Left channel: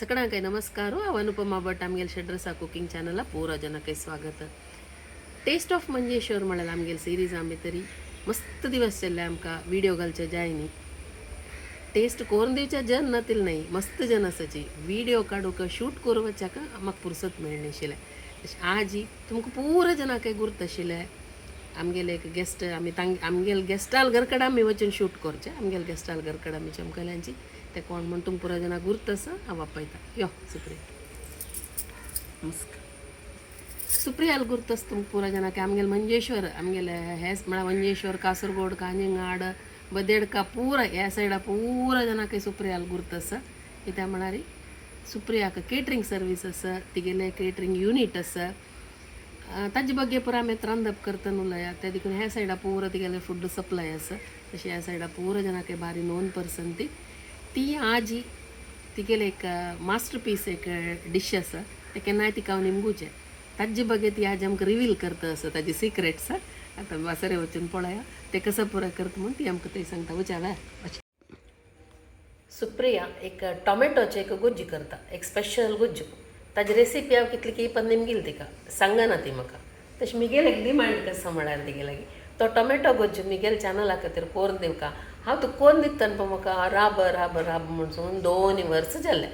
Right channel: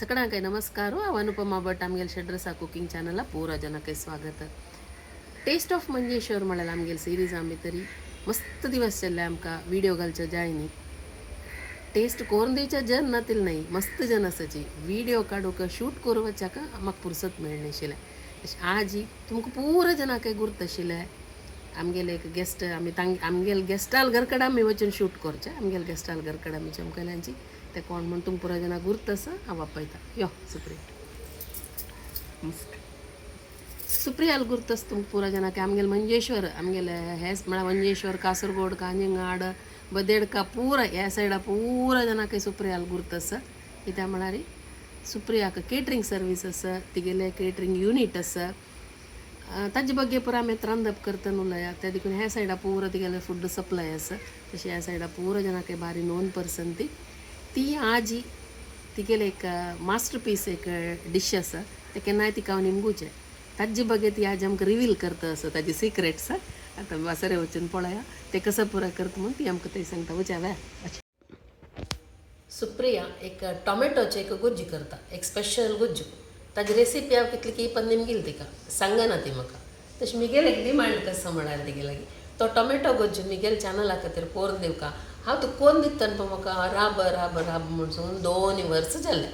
ಸಕಡಾಂಕೈ ನಮಸ್ಕಾರ Anupama Bhat ಆಮ್ಗೆಲ್ ಶೆಡ್ರಸ cooking channel ಪೂರ ಜನಕ್ಕೆ स्वागत. टेस्ट ऑफ मंजेश्वर म्हळ्यार आमगेल सिरीज आमी तरी मस्त दिवस चल्ले आमकां व्हिडिओ घालच्यो जाय न्ही. टेस्ट करून दिवच्या जन नातिल नाही मस्त जन आसाची व्हिडिओ काडूक शूट करूं वचाक म्हाका फुरसत मेळनाशिल्लें. आजी तुमकां पुरो जनांक गुर्त आशिल्लें आमगेले एक गेस्ट आमगेल गेस्टाल घरकडेन आमी वचून शूट करचें. आमगेल गेस्टाल घरकडेन आमी चमकल्यांची ते कोण म्हण तुमकां पुरो जाणां गुर्त आसा हांव आपयता. यो सुप्रिया सुप्रियाल गुर्त आसा तुमकां पुरो जाणांक आमगेले मंजेश्वर आमगेले हेच म्हळ्यार मंजेश्वर कासरगोड कांजिंगाड बदेडका पुरा ह्या सायडा पुरो जाणांक सुप्रियाल गुर्त आसा. कित्याक म्हळ्यार सुप्रियाक केटरिंग सर्वीस आसा तिगेले केटरिंग युनीट आसा ताजे ಬಗ್ಗೆ पुरो आमी रांदप करता उलया त्या देखून ह्या सायडा पुरो तिगेले फूड सप्लाय आसा. तशें ह्या सायडा पुरो जाणांक बारी नोन पर्सन ती आजी तिगेले एक मास्टर पीस एक डिश आसा ते केन्नाय तिका हांव निमगुचें ताजे ಬಗ್ಗೆ ती आज आमकां रिवील करता आसा ताजी सिक्रेट्स. आतां वासरे वचून पळया ते कसं पुरो करता म्हणून ती आमकां थंय सांगता वचा वे. सुप्रिया एक टोमॅटोचे एक गुज्जी करता एक स्पेशल गुज्जू ताजी रेसिपी हांव कितली की पण निमगेली तिका सांगना ती म्हाका. तशें मिगेल एक डिमांड कसो म्हळ्यार तिगे लागीं तो टोमॅटो गुज्जू मिगेल चॅनला खातीर कोरून दिवका हांव तो कोरून दिता पळय म्हाका राब राब राब म्हणून 2 वर्स जाले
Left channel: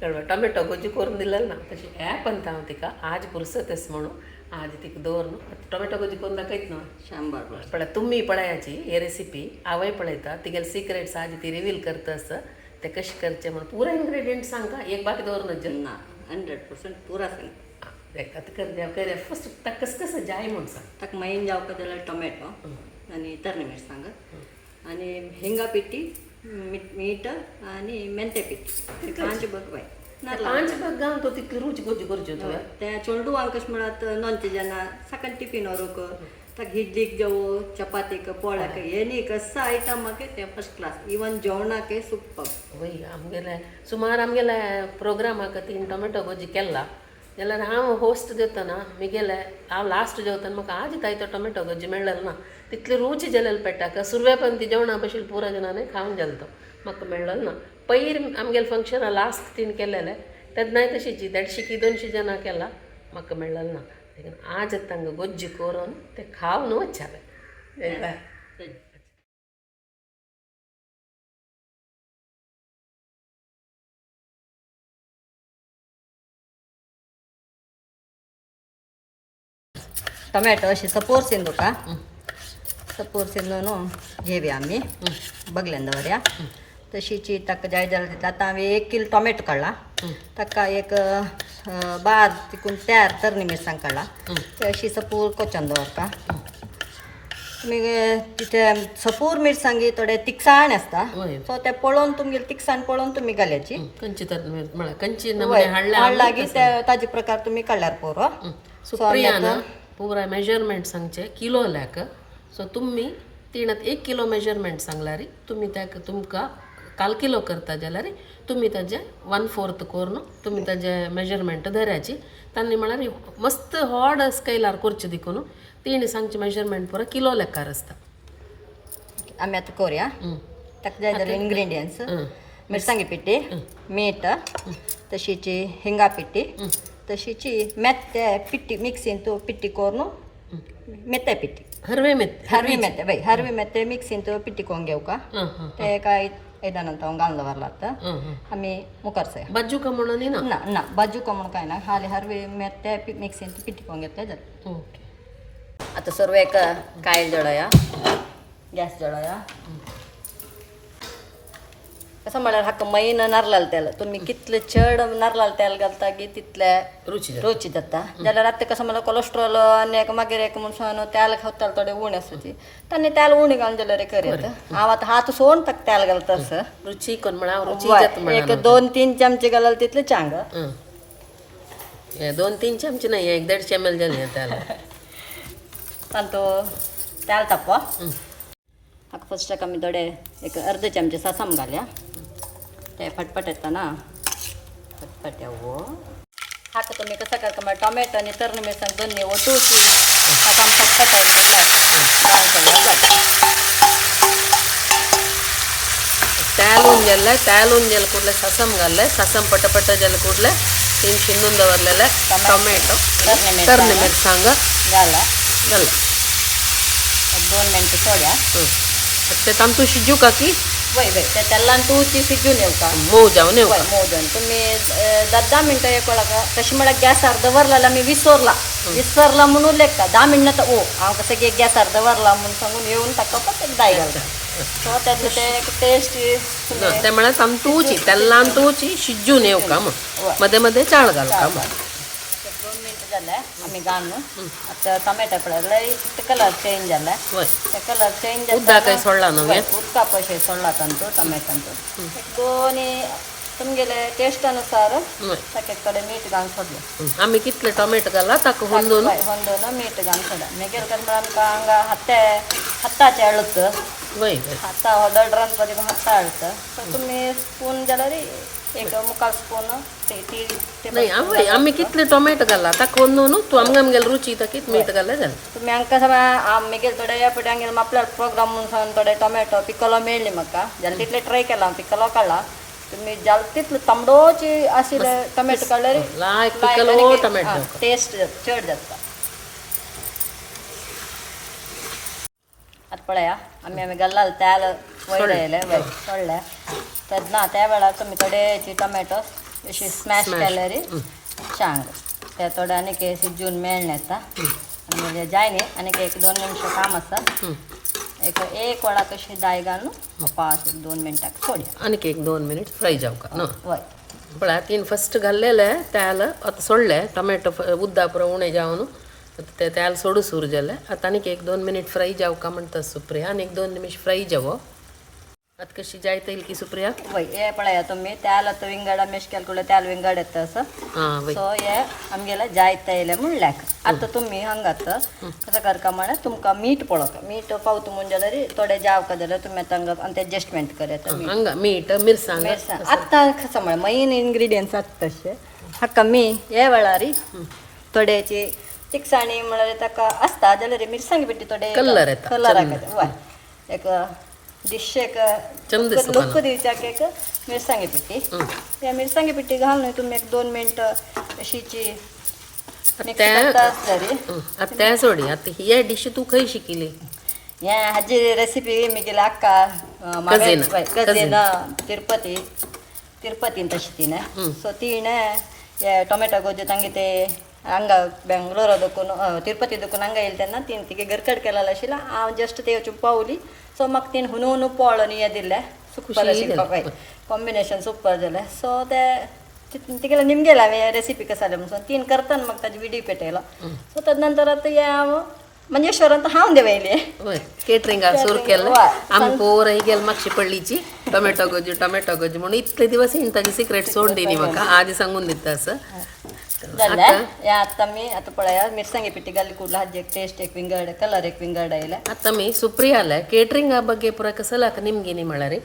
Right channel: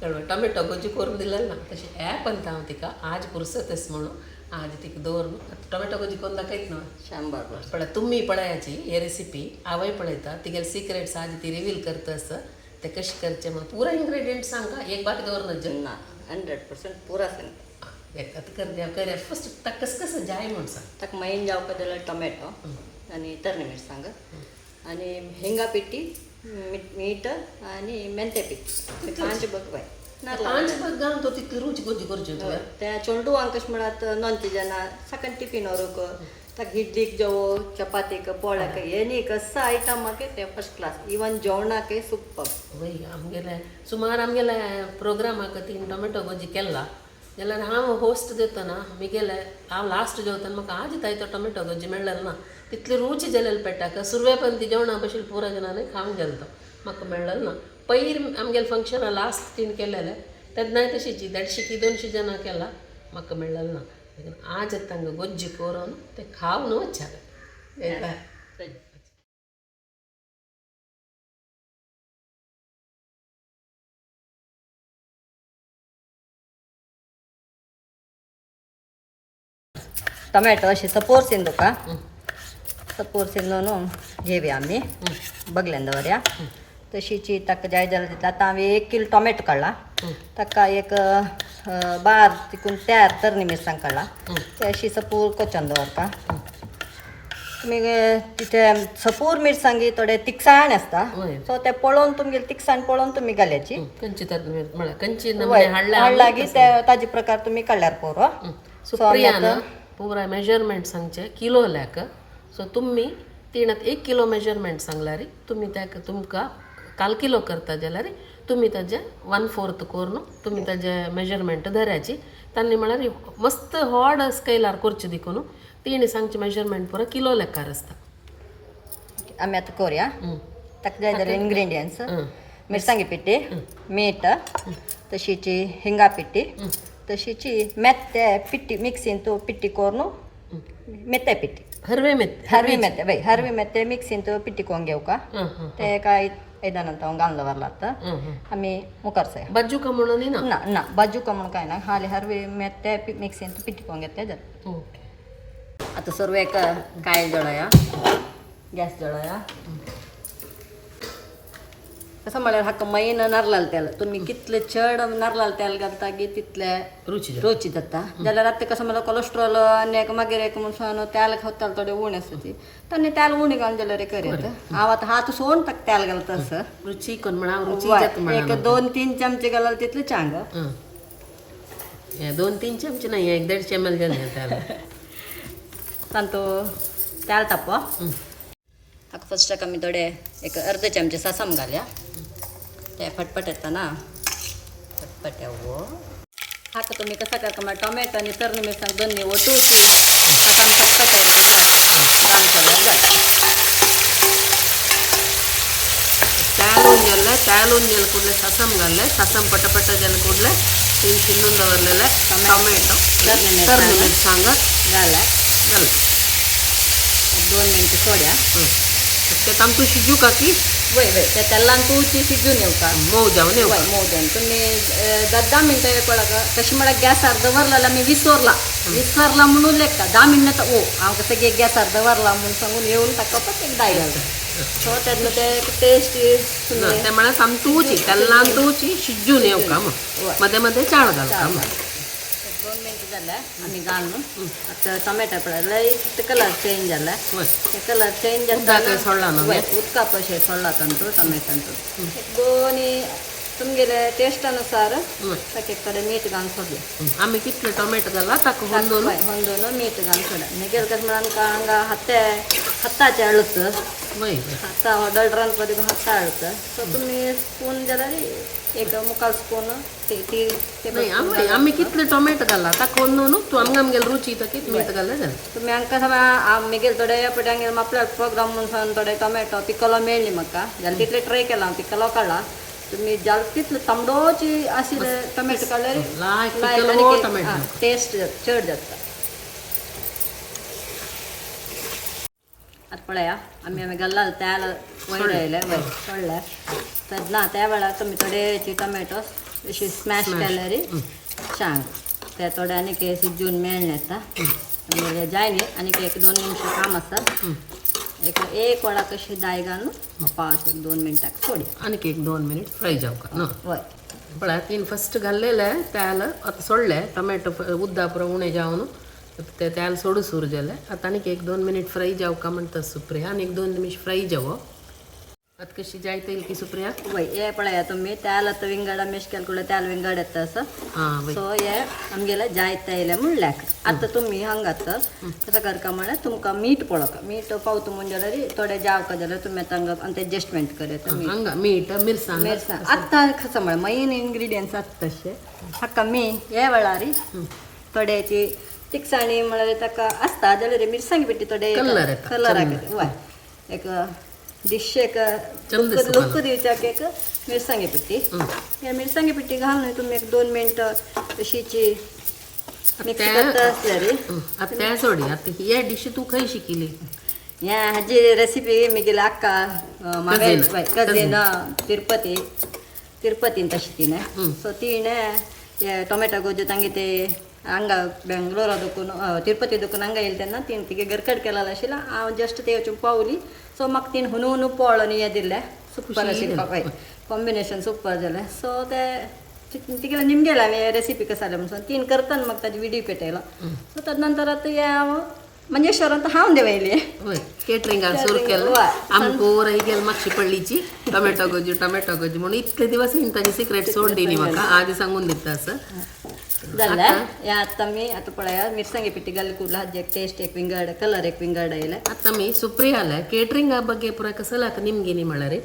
कळ्ळें. टोमॅटो गुज्जू करून दिलें ना तशें ॲप अंत हांव तिका आज पुरसत आसा म्हणून आज तिका दवर न्हू टोमॅटो गुज्जी करून दाखयत न्हू शांबार पळय तुम्ही पळयाची हे रेसिपी हांवय पळयता तिगेले सिक्रेट्स आज ती रिवील करता आसा ते कशें करचें म्हणून पुरो इन्ग्रेडियंट सांगा एक बाकी दवर ना 100% पुरा सांगता. आतां कर फस्ट ताका कसं कसं जाय म्हूण सांग. ताका मैन जावपाक जाल्यार टोमॅटो आनी तरणे मिरसांग आनी हिंगा पिठी मीठ आनी मेंते पिठी पांच बग बाय पांच बग घालून तो तितली रुची गोजी करच्यो तुवें ते चोल्डू हांव कशें म्हळ्यार नॉनचे जेन्ना साकन टिफीन व्हरूंक ताका इडलीक जेवो चपातीक पोळ्याक हे न्ही कसो आयटमाक ते फस्ट क्लास इवन जेवणाक सुपर वय आमगेले सुमार आमगेले प्रोग्रामाक 3 टोमॅटो गोजी केला जाल्यार हांव होस्ट देतना मिगेले हांव लास्ट जेवतना म्हाका आज ताय तो टोमॅटो गोजी मेळ्ळेलो ना तितली रुची जालेली पेटाक सुरवेपंती जेवणा भशेन पुरो जनांनी खावंक गेलो तो म्हाका मेळ्ळेलो ना. पयर आमगेले फंक्शना लास्ट 3 केलेले तेन्नाय तशीची 150-200 जनां केला म्हाका मेळ्ळेलो ना. आज तांकां गोज्जी करून ते खावन वचाले. टोमॅटो अशी सपोरसीन तुका सपोरसीन न्हू घेवया आमी बगल्यान दवरया तशीची ताका जाय जाल्यार तितले आतां हांवें 1 किलो टोमॅटो काडला ताका एक बार तिकून तयार तरणी मिरसांग काडला ते अशी सपूर कोचोन दवरता. तुमी तिथे सपूर मिरसांगी थोडे तिखसाण आसता सो ते पळोवन तुमगेली तिखसाण पळोवन तुमी घालयाची हाडला की ते ताजे प्रकार तुमी काडल्यार पुरो. पुरा मेजरमेंट सांगचे किलो लॅक सो तुम्ही तिणात 1 किलो मेजरमेंट सांगल्यार तुम्ही त्या तुमकां 1/4 किलो करता जाल्यार तुम्ही ताजे 1/4 करून तुम्ही ताजे मेजरमेंट धरयाची तांणी म्हळ्यार मस्त व्हड स्केलार करचे देखून तिणी सांगचे मेजरमेंट पुरो किलो लेखार आसता. आमी आतां करूया ताका जाय जाल्यार इन्ग्रेडियंट्स मिरसांगी पिठी मीठ तशीची हिंगा पिठी तशीची मेत्ते पिठी मिक्सीन तूं पिठी करून मेत्ते पिठी हरवे मेत्ते मिक्सीन तूं पिठी करून घेवका ते काय 5 हांव घालून दवरला आतां आमी मुखार सया बाजूका म्हणून ना ना बाजूका म्हणून कांय ना हाली हरवे मेत्ते मिक्सीन तूं पिठी करून घेतले जाल्यार ओके. आतां सर्वेक कायल जळया गॅस जळया कसं म्हळ्यार हाका मैन नारळाल तेल तुमी कितले चड नारळाल तेल घालता की तितले रुची जाता जाल्यार आतां कसं म्हळ्यार कोलेस्ट्रॉल आनी एक मागीर एक म्हणून तेल खावताले थोडे उणे आसाची तांणी तेल उणी घालून जाल्यार करयात. हांव आतां हात सोडून ताका तेल घालता आसा रुची कोण म्हणा एक 2-3 चमचे घालल्यार तितले चांग 2-3 चमचे नाही 150 ml जाले तेल तांतो तेल तापो हाका फस्टाक आमी थोडे एक अर्ध चमचे सासम घालया ते फटफट येता ना फटफट येवो हाका तुमी कसा करता म्हळ्यार टोमॅटो आनी तरणी मिरसांग दोन्ही वटूची ताका आमी फटफट तॅलून गेल्ले तॅलून गेले कुठले सासम घालले सासम पटपट गेले कुठले तीन शिनून दवरलेले टोमॅटो तरणे मिरसांग घाला घाल 2 मिनटं सोड्या ते तांतू शिजू का की वय वय ते तेल्लान तूची शिजून येवका मोव जावन वय मोदन तुम्ही 10 मिनटं एक ಒಳಗೆ कशी ಮಾಡಕ್ಕೆ गॅसार दवरला मी विसरला म्हणून लेखता 10 मिनटं हांव कसं गॅसार दवरला म्हणून सांगून येऊन ताका दाय घालता सो त्यातलं ते टेस्ट ते म्हणा तांतूची तेल्लांतूची शिजून येवका मध्ये मध्ये चाळ घालता 2 मिनटं झालं आम्ही घालून आता टोमॅटो पडला कलर चेंज झाला ते कलर चेंज उदका काही सोडला न्हू उदका पशे सोडला तांतू टोमॅटोंतू दोन्ही तुमगेले टेस्ट अनुसार ताके कडे मीठ घालून सोडलं आम्ही कितले टोमॅटो घाला ताका ಹೊಂದೋನು मीठ घालून सोडा मेगेल कसं म्हणून आमका हत्ताचे अळतं वय हत्ता ऑर्डर पदी हत्ता अळतं तर तुम्ही स्पून जाल्यार एक मुखाल स्पून नाही आम्ही कितले टोमॅटो घाला ताका ಹೊಂದೋನು तू आमगेल रुची ता कित मीठ घाला जाल तुम्ही हांकां मेगेल थोडे पटी हांगे आपल्या प्रोग्राम म्हणून थोडे टोमॅटो पिकलो मेळ्ळी म्हाका जाल्यार तितले ट्राय केला हांव पिकलो काडला तुम्ही जाल तितले तांबडोची आशिल्ले टोमॅटो काडल्यार टेस्ट चड जाता आता पळया आम्ही घालला त्याला वयडयले सोडले तर ना त्या वेळार तुम्ही थोडेची टोमॅटो अशी स्मॅश केल्यार सांग ते थोडे आनीक शिजून मेळ्ळे येता आनी जाय न्ही आनीक 1-2 निमिषां काम आसा एक वडा कशी दाय घालून 5-2 मिनटाक सोडया आनीक 1-2 मिनिट फ्राय जावका न्हू वय पळय तीन फस्ट घाल्लेले त्याला आता सोडले टोमॅटो उद्दा पुरो उणे जावन ते त्याला सोडू सूर जाले आता आनीक 1-2 मिनिट फ्राय जावका म्हणटा सुप्रिया आनीक 2 निमिष फ्राय जावो आता कशी जायत येईल की सुप्रिया वय हे पळया तुम्ही त्याला तर विंगडा मेश केले त्याला विंगड येता असं सो हे आमगेले जायत येयले म्हणल्याक आता तुम्ही हांगात कसं करका म्हळ्यार तुमकां मीठ पळोवका मीठ पावता म्हणजे जाल्यार थोडे जावका जाल्यार तुमी तांकां आनी एडजस्टमेंट करता मीठ मिरसांग आतां कसं म्हळ्यार मेन इंग्रिडियंट्स आसता तशें हाका मी हे वेळार थोड्याची तिखसाणी म्हळ्यार ताका आसता जाल्यार मिरसांगी पिठी थोडे कलर येता वय एक डिशेक लुक दिवच्याक एक मिरसांगी पिठी त्या मिरसांगी पिठी घालून तुम्ही 1-2 मिनटं अशीची त्या सोडी आता ही डिश तू खंय शिकिली हे हाजी रेसिपी मी गेली अक्का कझीन तिरुपतीन तशी तिने सो तिणे हे टोमॅटो गोज्जू तांगे ते हांगा बेंगलोरा दुखून तिरुपती दुखून हांगा येयले तेन्ना तीन तिगे गरकट केलेलो आशिल्लो हांव जस्ट ते वचून पावली सो म्हाका तीन हुनू पळोवन हें दिल्लें सुपर आशिल्लें कॉम्बिनेशन सुपर जालें सो ते तिगेले निमगेले हांवें रेसिपी कसा जाली म्हणून तीन करतना म्हाका ताजी विडियो पेटयलो सो ताजे नंतर आतां हे हांव मंजेश्वरांत हांव देवयली केटरिंगाक सुरू केलं आमी पोर ही गेल मागची पडलीची टोमॅटो गोजी म्हणून इतले दिवस ताजी सिक्रेट सोडली न्ही म्हाका आदी सांगून दिता असं जालें हें आतां आमी आतां पळया मिरसांगे पिठी घाली कुडला हाजी एक टेस्ट एक विंगड कलर एक विंगड आयले आतां आमी सुप्रियाला केटरिंगा ಬಗ್ಗೆ ಪೂರ ಕಸಲಾಕ ನಿಮ್ಗಿನಿ ಮಾಡಾರಿ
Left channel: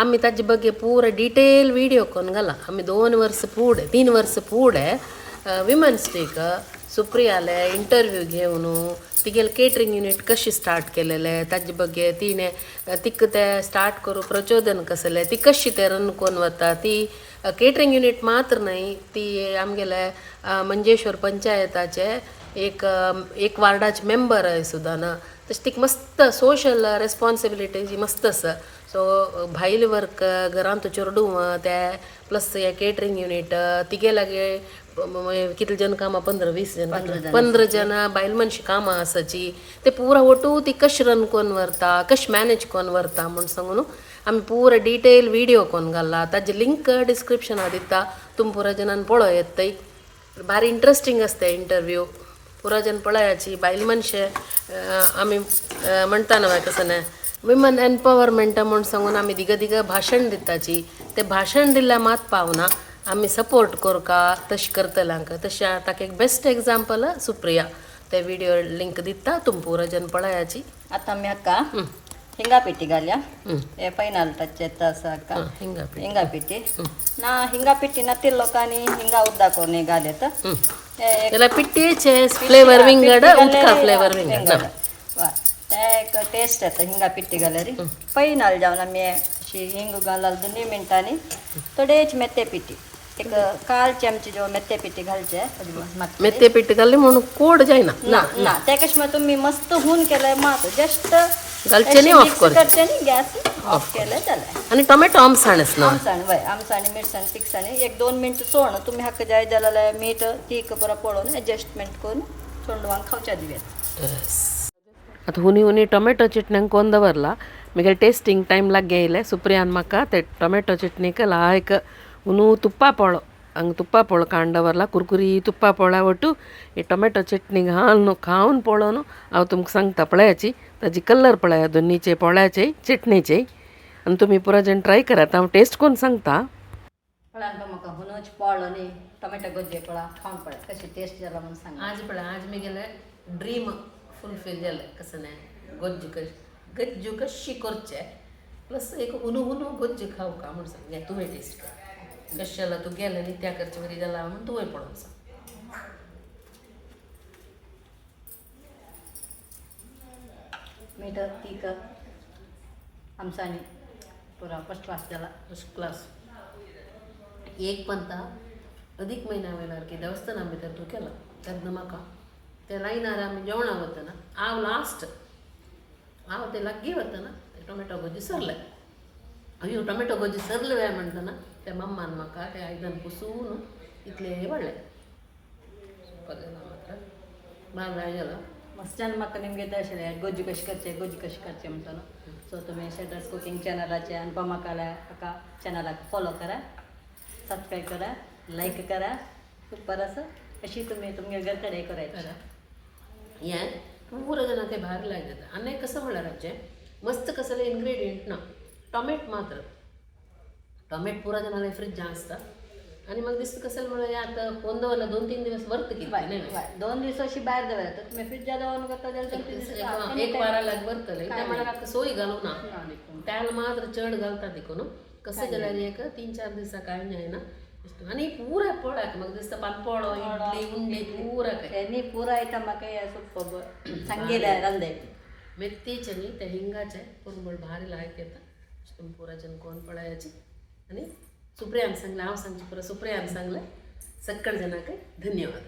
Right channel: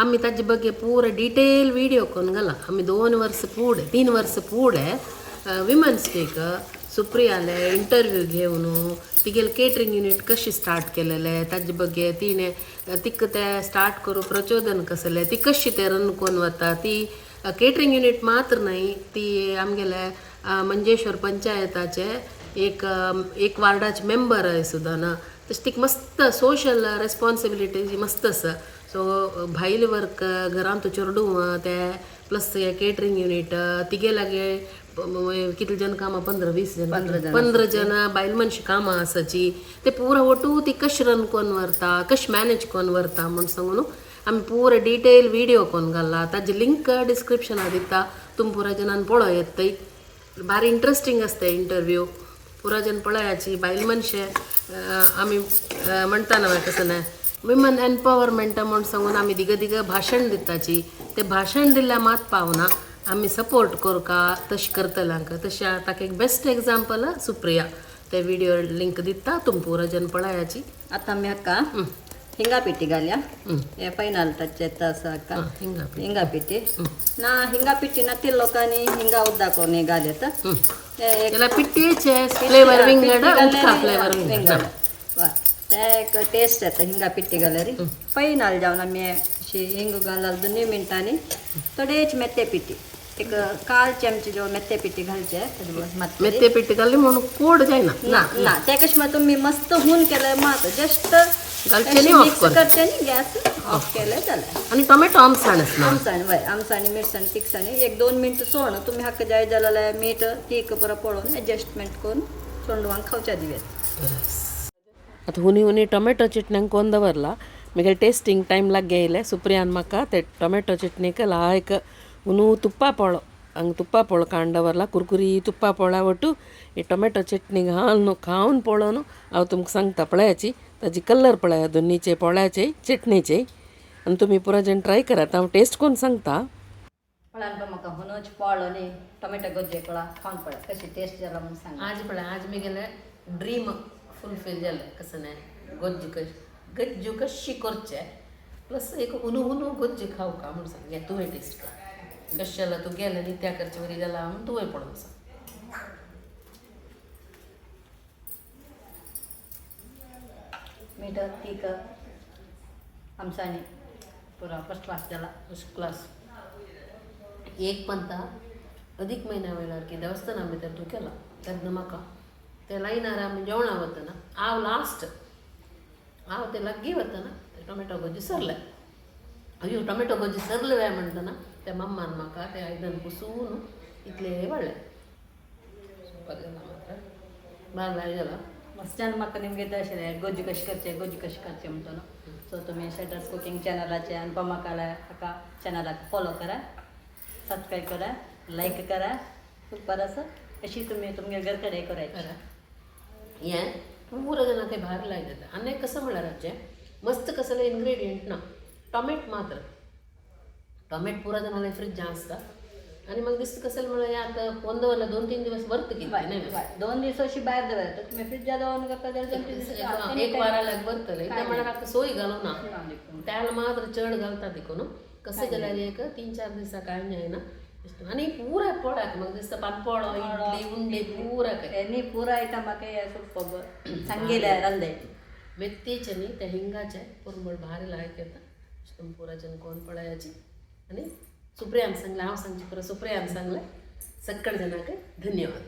आम्ही ताजे ಬಗ್ಗೆ ಪೂರ डिटेल विडियो कोण घाला आम्ही 2 वर्ष पुढे 3 वर्ष पुढे विमन्स डेक सुप्रियाले इंटरव्यू घेवन तिगेले केटरिंग युनिट कशी स्टार्ट केलेले ताजे ಬಗ್ಗೆ तिणे तिक ते स्टार्ट करू प्रचोदन कसले ती कशी ते रन कोण वता ती केटरिंग युनिट मात्र नाही ती आमगेले मंजेश्वर पंचायताचे एक वार्डाचे मेंबर आहे सुद्दां ना तशें तीक मस्त सोशल रेस्पॉन्सिबिलिटी मस्त आसा सो भायले वर्क घरांत चेडू ते प्लस हे केटरिंग युनिट तिगे लागे कितले जन कामां 15 जन बायल मनशां कामां आसाची ते पुरा ಒಟ್ಟು ती कशी रन कोन व्हरता कशी मॅनेज कोन व्हरता म्हूण सांगून आमी पुरा डिटेल विडियो कोन घाला ताजे लिंक डिस्क्रिप्शनां दिता तुमी पुरा जनान पळोव येताय भारी इंट्रस्टिंग आसता इंटरव्यू पुरा जन पळयाची बायल मनशे आमी म्हणटा ना कसं ना विमन एम्पॉवरमेंट म्हणून सांगून आमी दिगा भाशण दिताची ते भाशण दिल्या मात पावना आमी सपोर्ट करका तशें करतल्यांक तशें ताका एक बेस्ट एग्जाम्पल सुप्रिया ते विडियो लिंक दिता तुमी पुरा जन पळयाची आतां आमी हाका हिंगा पिठी घालया हे फायनल टच येता आसा हाका हिंगा पिठी ना हिंगा पिठी ना ते लोकांनी हिंगा उद्दा कोणी घालता त्याला पिठीचे फ्लेवर विंगड उदका फ्लेवर विंगड ते एक टेस्ट येता हिंगा पिठी घाल्यार फायनल जावन आमी अशी हिंग घालाल 2 मिनटांनी थोडेच मेथ्या पिठी एक 1/4 चमचे जो मेथ्या पिठी घालचे मेथ्या पीठ घालली म्हणून कोड जायना ना ना त्या कशा तुम्ही मस्त हून केलंय मग जस्ट घालचे नाही ऑफ कर करते नी गॅस ऑफ केलंय झालंय आणि टोमॅटो आमसाणच ना आमसाणी वय आमसाणी मिरसाणी तिखसाणी 1-2 मिनिट सोडणं तुम्ही हाक जाय जाल्यार मीठ तीख परत पळोवन एडजस्टमेंट करून थंडवांक खावच्या दिव्यात आता हुनी टोमॅटो चटण्यांक कोण दवरला म्हगे टेस्टिंग टायम लागे येयले सुप्रियान म्हाका ते टोमॅटो चटणीक लायक हुनू ತುಪ್ಪ ಪೊಳು ಹಂಗೆ ತುಪ್ಪ ಪೊಳು ಕಾಂಡವರ್ಲ ಕುರ್ಕುರಿ ತುಪ್ಪ ಪೊಳ ಒಟ್ಟು ಈ ಟೊಮೆಟೊ ಚಟ್ನಿಗೆ ಹಾಲು खाऊन पळोवन हांव तुमकां सांगता पळयाची ताजी कलर पळया दोनीचे पोळ्याचे चटणीचे आनी तुमी पुरो जण ट्राय करात हांव टेस्ट कोन्न सांगता पळयान पण म्हाका हुनूच पळो न्ही टोमॅटो गोज्जे पळा खावन पळय कशी टेस्ट जाला म्हणून सांग आज पळय आज म्हगेले ड्रीम फुलफील जालें कसं नाही गज्जू कशी करचे प्लस एक हुनू गोज्जे खाऊ का म्हणून सांग या तुवें टेस्ट कर कशाला तू गेला न्ही त्या करचे वरी गेला म्हणून तुवें पळोवन सांग मीठ तीख आमसाणी पुरा फर्स्ट क्लास जाला फर्स्ट क्लास एक पंता अधिक महिना वयल्यार की देवस्थाना भितर तूं केला तेन्ना म्हाका ते लायनार आमी जेवणा वतना हांव लास्ट हांव ते लागीं वतना ते टोमॅटो गोजी सरले अयो टोमॅटो गोजी सरले काय म्हणटना त्या मम्मान म्हाका ते आयदन पुसून इतले वाडले बारा गेला मस्तान म्हाका निमगे तशें गोजी कशी करचे म्हणटा न्हू सो तुमी शेटर्स कुकिंग चॅनलाचे अनुपमा काळा हाका चॅनलाक फॉलो करा सबस्क्राईब करा लाईक करा सुपर असं अशी तुम्ही तुमगे घरकडे करायची हें पुरो जाणां काही भारी लायक आनी कसं म्हळ्यार हाचें मस्त कसले इन्ग्रेडियंट ना टोमॅट मात्र टोमॅट पुरो जाणां फ्रिजां आसता आनी म्हाका दिसता कसं म्हळ्यार आतां फोन दवरला 2-3 दिवस वर्त कितें नाही 2 दीस अशी भायर दवरता तुमी फ्रिजा दवरून करता जाल्यार 2-3 दीस एक वाराक भरतले ते म्हळ्यार आतां सोय घालूं ना त्याला मात्र चड घालता देखून कसं जाल्यार एक 3-4 दिसा कांय जायना आनी पुराय पळयात म्हाका दिसता पानपोळो इडली उंडी पुराय न्ही पुरो आयटम म्हाका हे सूप सांगेले रांदे मेथीचे न्ही ते हिंगाचे पुरबळ भारी लायक येता तुमी पुराच्यान कोण पळयाची आनी सुप्रियान सांगलें हांव सांगचें पुरो सुप्रियान सांगलें सक्कळ जनाक धन्यवाद